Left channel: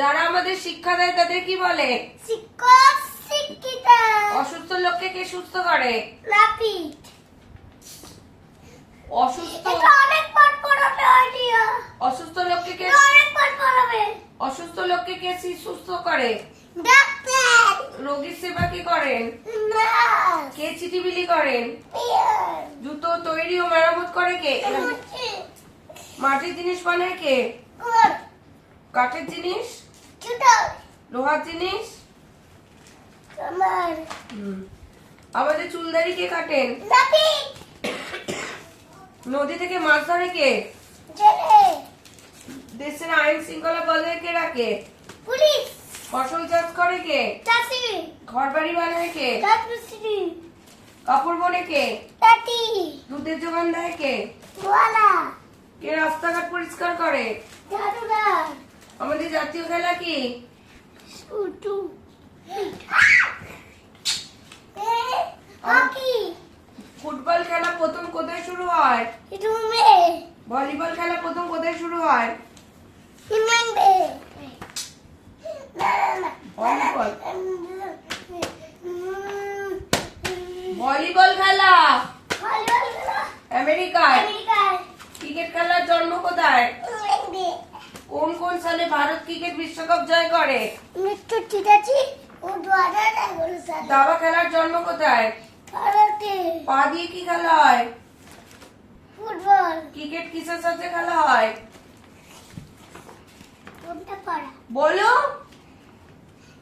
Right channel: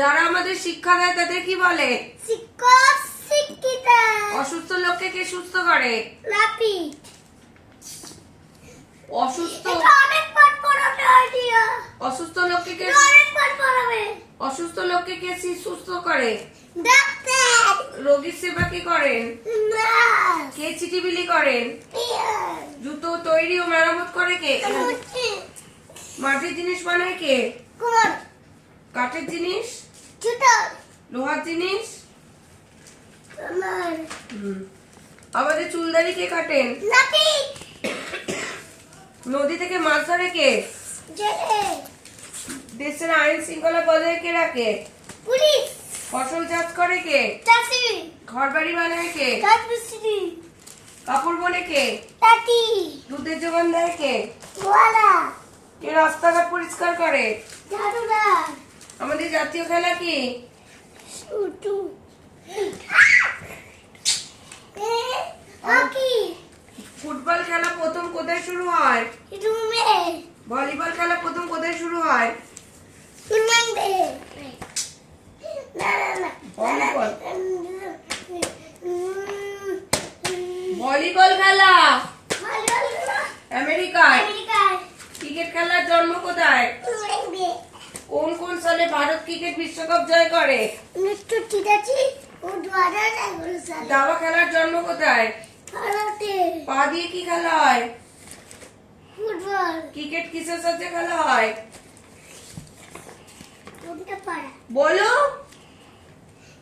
যারা আমাদের শিক্ষা দেয় তাদের কি বলে? শিক্ষক শিক্ষিকা। অসুস্থ লোককে কে সুস্থ করে? নাপিত। অসুস্থ অনেক পাঠ পড়াবে আইডিয়া। অসুস্থ লোককে কে অনেক পাঠ পড়াবে। অসুস্থ লোককে কে সুস্থ করে? ডাক্তার। রোগীর সেবা কে করেন? নার্স। কে চিঠি বিলি করেন? টিচার। জুতো তৈরি ও মেরামত করে কে? মাটির জিনিস বানায় কে? কুমার। কাঠের জিনিস? চুটার। লোহার জিনিস? আমার। আমাদের চুলদারি কে কাটেন? নাপিত। নদী থেকে মাছ ধরে কে? জেলে। দেশের আইন শৃঙ্খলা বজায় কে রাখে? পুলিশ। ফসল চাষ করে কে? চাষি। ঘর বাড়ি বানায় কে? রাজমিস্ত্রি। কাপড় বনে কে? তাঁতি। দুধের যোগান দেয় কে? গোয়ালা। কে রাস্তাঘাট পরিষ্কার করে? ঝাড়ুদার। আমাদের জাতীয় খেলা কি? শুটু। হকি। ফুটবল খেলা প্রথম কোথায় শুরু হয়? রুমে। ভলিবল খেলা প্রথম কোথায় শুরু হয়? হিমান্দে। না না না। ভলিবল ভলিবল খেলা আমেরিকায়। ক্রিকেট খেলার জন্ম কোথায়? কোন কোন সালে ভারত ক্রিকেট বিশ্বকাপ জয় করে? 1983 ও 2011 সালে। দাবা খেলার জন্ম কোথায়? ভারতে। পা দিয়ে কি খেলা হয়? ফুটবল। ক্রিকেট কিসের সাথে খেলা হয়? কোনটা পারা? বলো।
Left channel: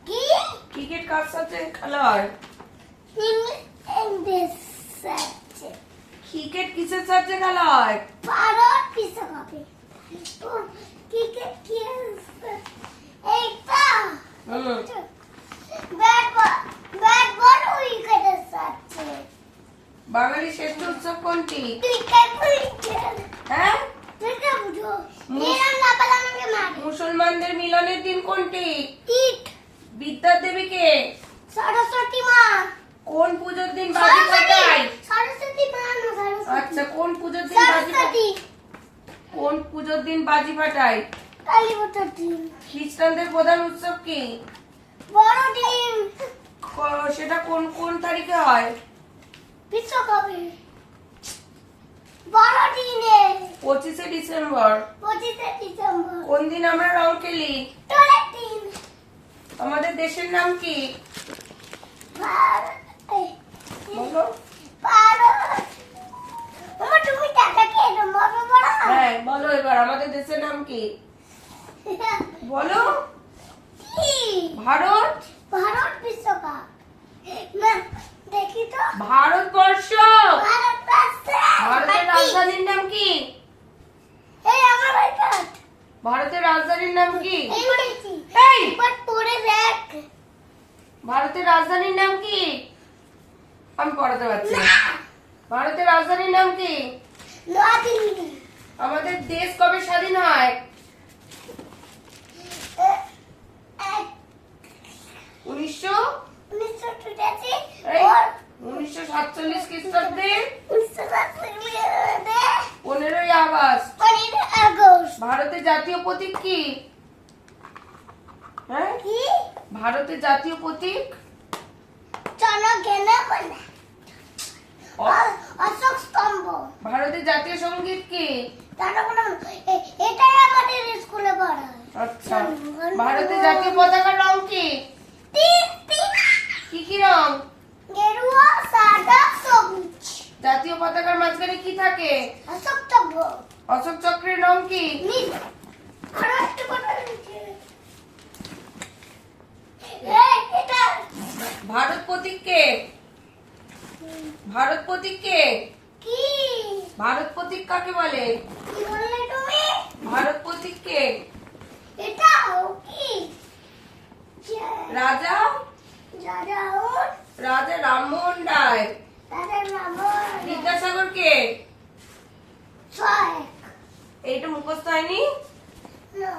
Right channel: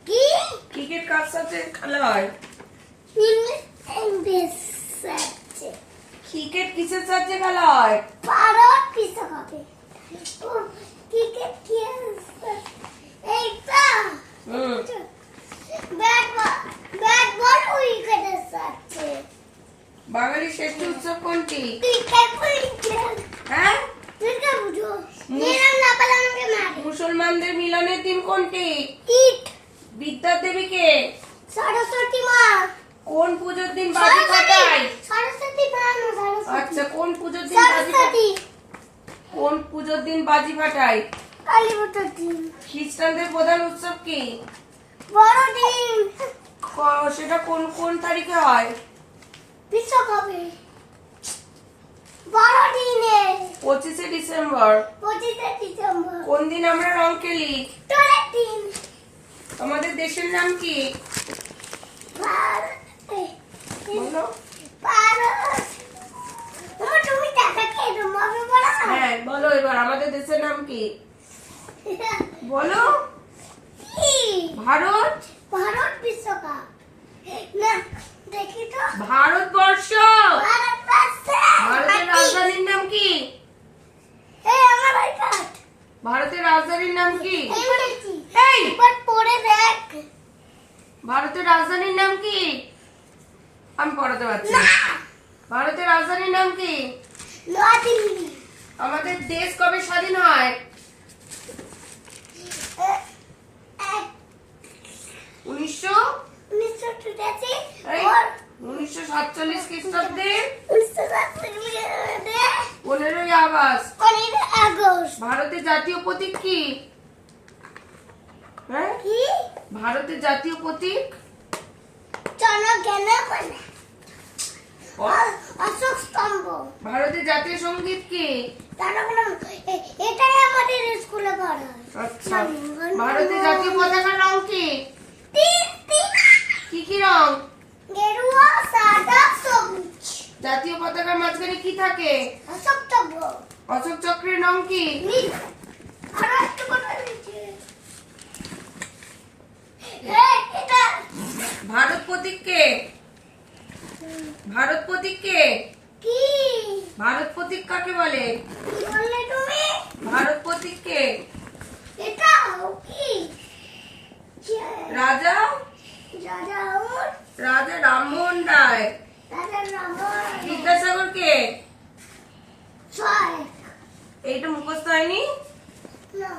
কি? ক্রিকেট কার সাথে খেলা হয়? ইংলিশ সাথে। ক্রিকেট কিসের সাথে খেলা হয়? ভারত বিশ্বকাপে। ক্রিকেট কি এইটা? ব্যাট বল উইকেটের সাথে। বাঙালির শ্রেষ্ঠ উৎসব কোনটি? Cricket wicket. হ্যাঁ, দুর্গা পুজো। নিলাম না পালা আমাকে মার। মুসলমানদের মিলনের দিন কোনটি? ঈদ। বিদ্যার দেবী কে? সরস্বতী মা। কোন পুজোর দিন বাজি ফাটায়? সরস্বতী মা না সরস্বতী। আচ্ছা, কোন পুজোর দিন বাজি ফাটায়? সরস্বতী। কোন পুজোর দিন বাজি ফাটায়? কালী পুজোর দিন। খ্রিস্টানদের প্রধান উৎসব কি? বড়দিন। সেটা কোন কোন তারিখে হয়? বিশ্বকাপে। বড়দিনে। 25শে ডিসেম্বর। 25শে ডিসেম্বর। কোন দিন আমরা রং খেলি? দোলের দিন। আমাদের দেশের নাম কি? বলো। ভারত। আমার তুমি টাকা খেয়ে মবে বড়া। হ্যাঁ, বলো এবার আমাদের দেশের নাম কি? বলো। কি? ভারত। ভারত বিশ্বকাপ। না দেখি তো। ভারতবর্ষ। ভারত আছে। ভারতের রাজধানীর নাম কি? এই আমার ভাইটা। ভারতের রাজধানীর নাম কি? এই বলেছি। এই, একবার পড়ে দেখ। ভারতের রাজধানীর নাম কি? আমি পড়াতে পারছি না। ভারতের রাজধানীর নাম কি? নয়াদিল্লি। আমাদের দেশ কবে স্বাধীন হয়? 1982 এই, और 1947 খ্রিস্টাব্দে 1947 15ই আগস্ট। 15 আগস্ট। ভারতের জাতীয় প্রতীক কি? হ্যাঁ, কি? ভারতের জাতীয় প্রতীক? জনগণমন। অশোক স্তম্ভ। ভারতের জাতীয় সঙ্গীত কি? জনগণমন। এটাই আমাদের স্কুলে পড়া হয়। আচ্ছা, ভারতের জাতীয় পতাকার রং কি? তিন। কি কি রং? গেরুয়া, সাদা, সবুজ। জাতীয় পতাকার মাঝখানে কি থাকে? অশোক স্তম্ভ। অশোক চক্রের রং কি? নীল। আরো একটু কথা বলছি। এটা ভারত প্রতীক কে? ভারত প্রতীক কে? কি? ভারত প্রতীক কাকে বলে? কি বললে তুমি? ভারত প্রতীক কে? এটাও কি? রাজা রাজা রাজা রামমোহন রায়। রামন। বিদ্যাসাগর কে? ছয়। এইটা মুখস্থ হয়নি? না।